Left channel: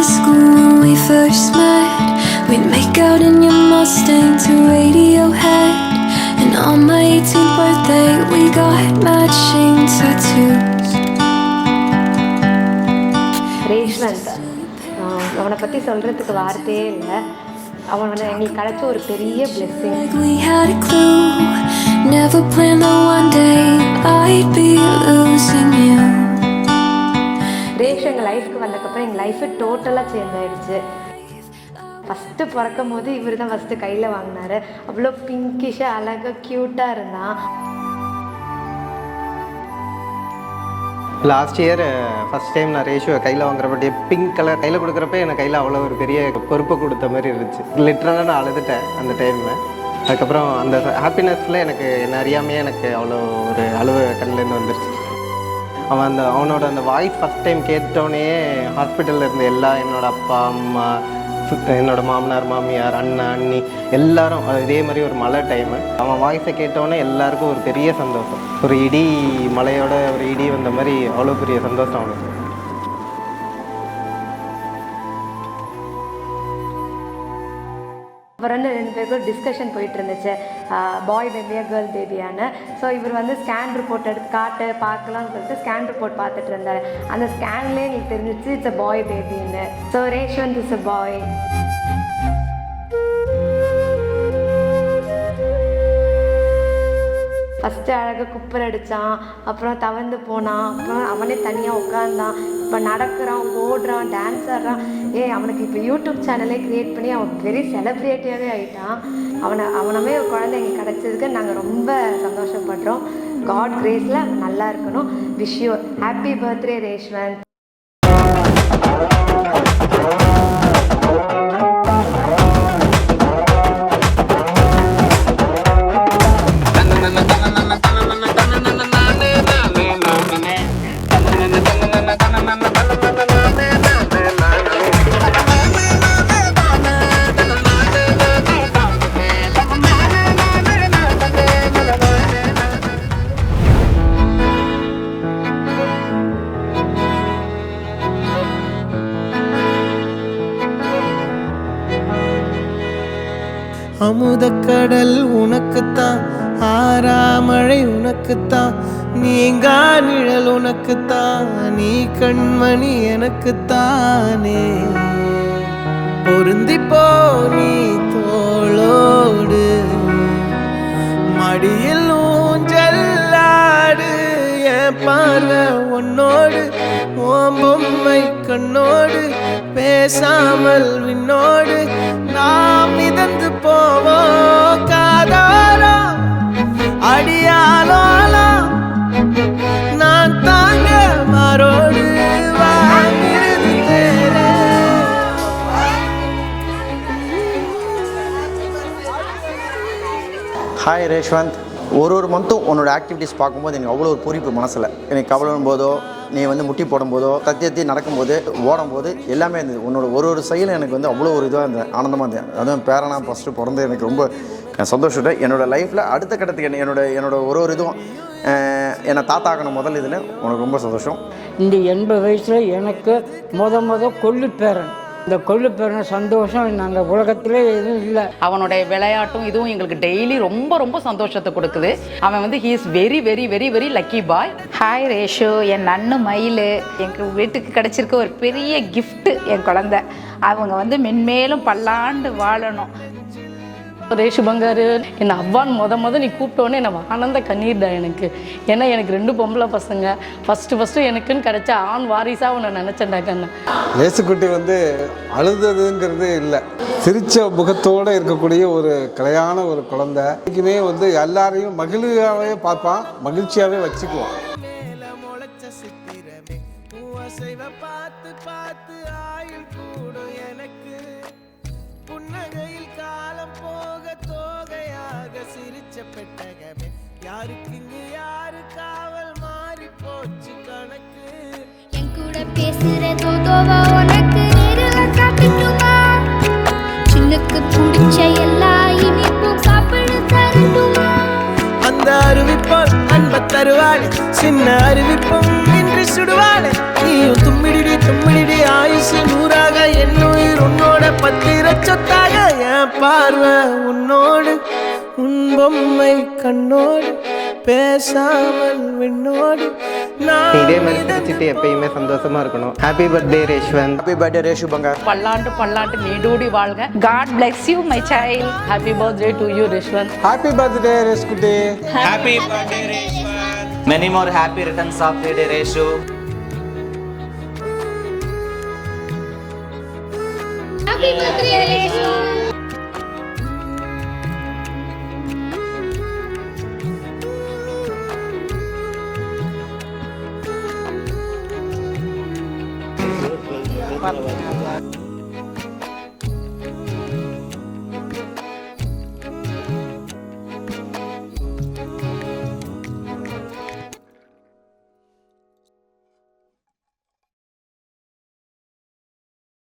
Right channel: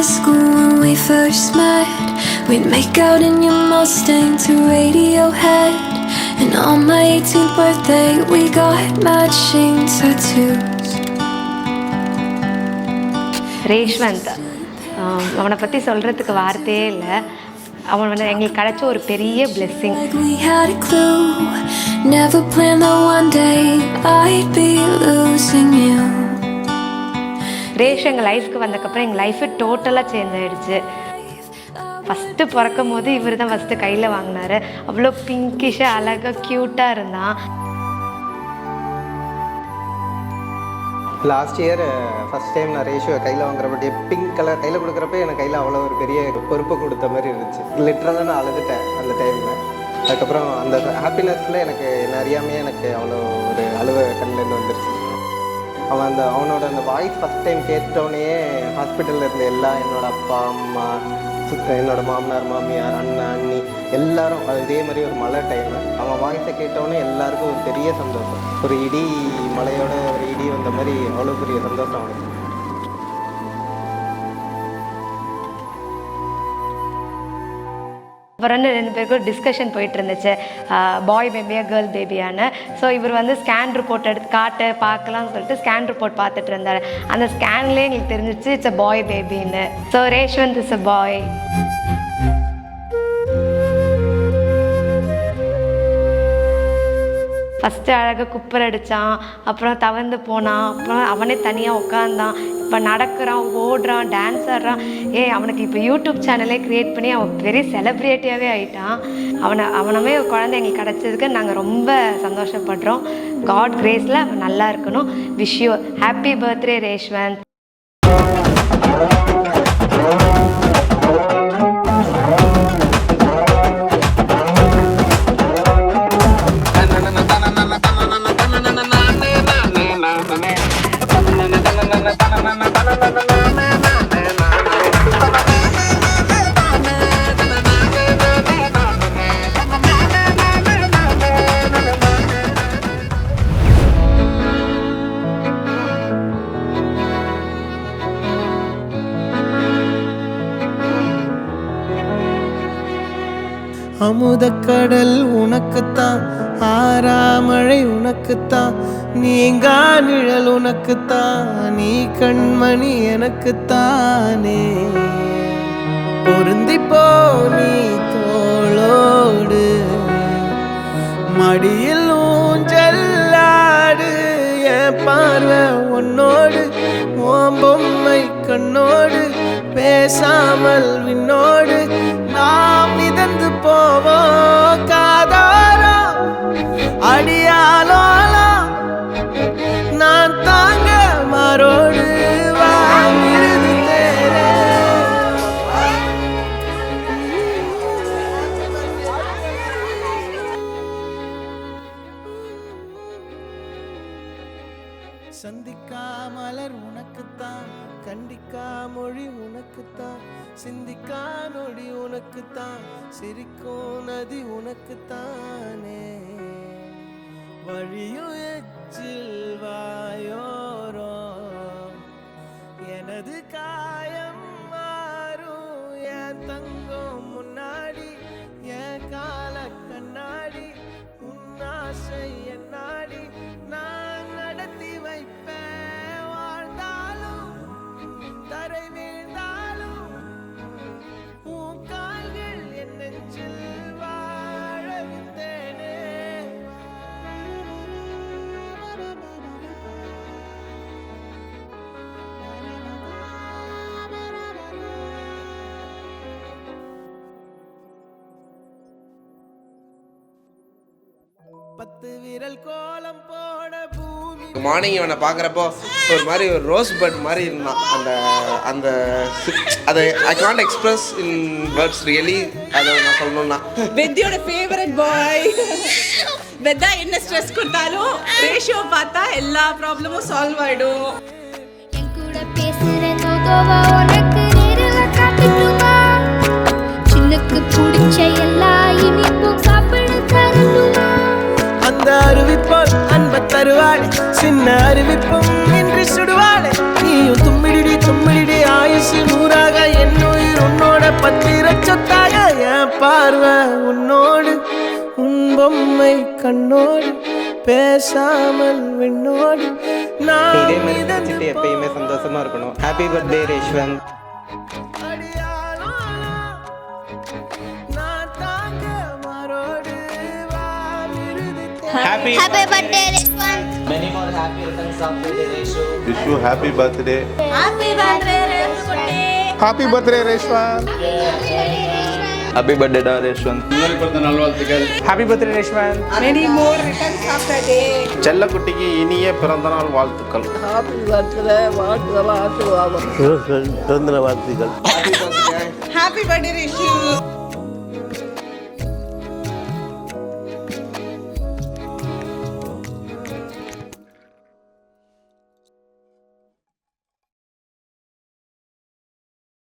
high school when we first met. We'd make out in your Mustang to Radiohead. And on my 18th birthday we got matching tattoos. ரேஷ்வந்த், அவனை பற்றி சொல்கிறதுக்கு வார்த்தையே இல்லை. அவன் வந்து எங்களுக்கு கிடைச்ச ஒரு பெரிய blessing. We had a clue, never planned that one day I'd be losing you. ரேஷ் எங்கள் லைஃப்க்கு வந்ததுக்கப்புறம் எங்கள் லைஃபு டோட்டலாக சேஞ்ச் ஆகிடுச்சு. ஃபஸ்ட்டு பிறக்கும் போது இவர் தான் ஃபஸ்ட்டு கையில் வாங்கினார். அவ்வளோ பிங்கிஷாக அழகாக க்யூட்டாக இருந்தான். லாஸ்ட் இயர் ஃபஸ்ட் டைம் நான் ரேஷுவை கையில் வாங்குறப்ப பிங்க் கலர் கையில் கொடுக்குறப்ப எனக்கு கையில் அவ்வளோ ஒரு பெரிய பொறுப்பு கொடுத்த மாதிரி இருந்துச்சு. லிட்டரலாக நான் அழுதுட்டேன் அந்த டைமில். அதுக்கப்புறம் அந்த ஹாப்பினஸில் எனக்கு என்ன அறியாமையே எனக்கு அவ்வளோ ஒரு அழுவ கண்ணிலேருந்து வந்துருச்சு. அவனோட அந்த வாய்ஸ் ஃபஸ்ட் டைம் கேட்டோன்னே ஹாஸ்பிட்டலில் இருந்த என்னோடய அப்பா அம்மா, என்னோடய மாமனார் மாமியார், அண்ணா அண்ணி எல்லாரும் இதே மாதிரி ஒரு மழை டைமு அவன் வாய்ஸை கேட்டோன்னே எல்லாருக்கும் ஒரு பெரிய சந்தோஷம். ஒரு இடி மலையோட ஒரு இடி வந்த மாதிரி அவ்வளோ பெரிய சந்தோஷம் அவனுக்கு. அப்புறம் 2 பேருக்கும் டிஸ்கஷன் போயிட்டு இருந்துச்சு, பாய் பேபியா கேர்ள் பேபியான்னு. ஸோ இவர் வந்து ஸ்கேன் ரிப்போர்ட் எடுத்து பார்க்கலாம்னு சொல்லிட்டு ஸ்கேன் ரிப்போர்ட் பார்த்துட்டு இருந்தார். அந்த ஸ்கேன்லேயே எங்களுக்கு தெரிஞ்சிச்சு இட்ஸ் அ பாய் பேபின்னு. So Reshwanth is a boy. First அழகாக குப்பர் அடித்தான், அப்புறம் தவந்து போனான், அப்புறம் அவனே தனியாக உட்காந்தான். இப்போ நடக்கிறான், ஓடுறான், டான்ஸ் ஆடுறான். அவனுக்கு இப்போ யூடியூப் சேனலே க்ரியேட் பண்ணி அவன் பெரிய செலிப்ரிட்டியாகவே ஆகிட்டான். அவனவே ஒரு குழந்தை எங்களுக்கு கிடச்சதுக்கு நாங்கள் ரொம்ப சந்தோஷப்படுறோம். காட் கிரேஸில் அவன் நல்லா இருக்கணும். Wish you happy birthday Reshwanth. அமுதக்கடல் உனக்குத்தான், ஆறாமழை உனக்குத்தான், நீங்கா நிழல் உனக்குத்தான், நீ கண்மணி எனக்குத்தானே. பொருந்திப்போ நீ தோளோடு, மடியில் ஊஞ்சல்லாடு, என் பார்வை உன்னோடு, ஓம் பொம்மை கண்ணோடு, பேசாமல் விண்ணோடு நாம் மிதந்து போவோம் காதாரோ அடியாலோலோ, நான் தாங்க மாரோடு வாங்கிருது தேரே. ஹாய் ரேஷ்வந்த், ஒரு மந்த்தும் உன்னோட ஆக்டிவிட்டீஸ் பார்க்கும்போது எனக்கு அவ்வளோ ஒரு பூரிப்பு மனசில். எனக்கு கவலையும் போதோ, நீ வந்து முட்டி போடும்போதோ, கத்தி நடக்கும்போது, ஓடும்போது எல்லாமே இருந்தது. உன்னோட ஒரு செயலும் எனக்கு வந்து அவ்வளோ ஒரு இதாக இருந்தது, ஆனந்தமாக இருந்தது. அதுவும் பேரனா ஃபஸ்ட்டு பிறந்து எனக்கு ரொம்ப சந்தோஷம். என்னோடய லைஃப்பில் அடுத்த கட்டத்துக்கு என்னோட ஒரு இதுவும் என்னை தாத்தாக்கணும் முதல் இதுன்னு உனக்கு ரொம்ப சந்தோஷம். இந்த 80 வயசில் எனக்கு கொள்ளு பேரன், இந்த கொள்ளு பேரன் சந்தோஷம் அந்த உலகத்திலே எதுவும் இல்லை. அவனுடைய விளையாட்டும் இதுவும் எங்களுக்கு டெய்லி ரொம்ப ரொம்ப சந்தோஷத்தை கொடுக்குது. அவன் வந்து he is very very very very lucky boy. Hi Reshu, என் அண்ணு மயில் எங்கள் வீட்டுக்கு கிடச்சிருக்க ஒரு பெரிய கிஃப்ட்டு என் குழந்தை. அவங்க வந்து மென்மேலும் பல்லாண்டு வாழணும். ரேஷு பங்காரு, என்னை அவ்வான் நீ கூப்பிட்டோன்னே என்னை ஆனந்த கண்ணீர் தான் எனக்கு. ஏன்னா எனக்கு 2 பொம்பளை பசங்க. ஃபஸ்ட்டு எனக்குன்னு கிடைச்ச ஆண் வாரிசாக உன்னை நினச்சேன்டா கண்ணு. ரேசுக்குட்டி வந்து அழுதுங்கிறது இல்லை, சிரிச்ச முகத்தோடு இருக்கக்கூடிய ஒரு கலையான ஒரு குழந்தை. இன்னைக்குமே வந்து எல்லாரையும் மகிழ்ச்சியாகவே பார்ப்பான், மகிழ்ச்சியாகவே வச்சுக்குவோம். மார்னிங் இவனை பார்க்குறப்போ ஒரு மாதிரி ஒரு ரோஸ் பட் மாதிரி இருந்தான். அந்த அதை I can't express in words really. அதை நான் சொல்லணும்னா வெத்தியோட ஃபேவரட் பாய். வெத்தா என்ன ஸ்ட்ரெஸ் கொடுத்தாலும் ரேஷியோ பார்த்தா எல்லா ப்ராப்ளமும் சால்வ் ஆயிடும். என் கூட பேசுற தோதோவா உனக்கு நேரில காட்டட்டுமா? சின்னுக்கு பிடிச்ச எல்லா இனிப்பும் சாப்பிட தரட்டுமா? அந்த அறிவிப்பால் அன்ப தருவாளே, சின்ன அறிவிப்பும் இன்று சுடுவாளே. நீயும் தும்மிடிடி ஆயுசு 100ஆக என் உயிர் உன்னோட பத்திர சொத்தாக என் பார்வை உன்னோடு உன் பொம்மை கண்ணோடு பேசாமல் விண்ணோடு இதே மாதிரி வச்சுட்டு எப்பயுமே சந்தோஷமா இருக்கணும். Happy birthday Reshwanth. Happy birthday Reshu பங்கர். பல்லாண்டு பல்லாண்டு நீடூடி வாழ்க. God bless you, my child. Happy birthday to you Rishwanth. Happy birthday ரேஷ்குட்டி. Happy birthday, Reshwan. Many more happy returns of the day, Reshu. wish you happy birthday. Happy birthday, Reshwan. Happy birthday Reshwanth. Happy birthday, Reshwan. Happy birthday டா Reshwanth. Happy birthday Reshwanth. Many more returns of the day. செல்லக்குட்டிக்கு இனிய பிறந்தநாள் வாழ்த்துக்கள். Happy birthday, Reshu.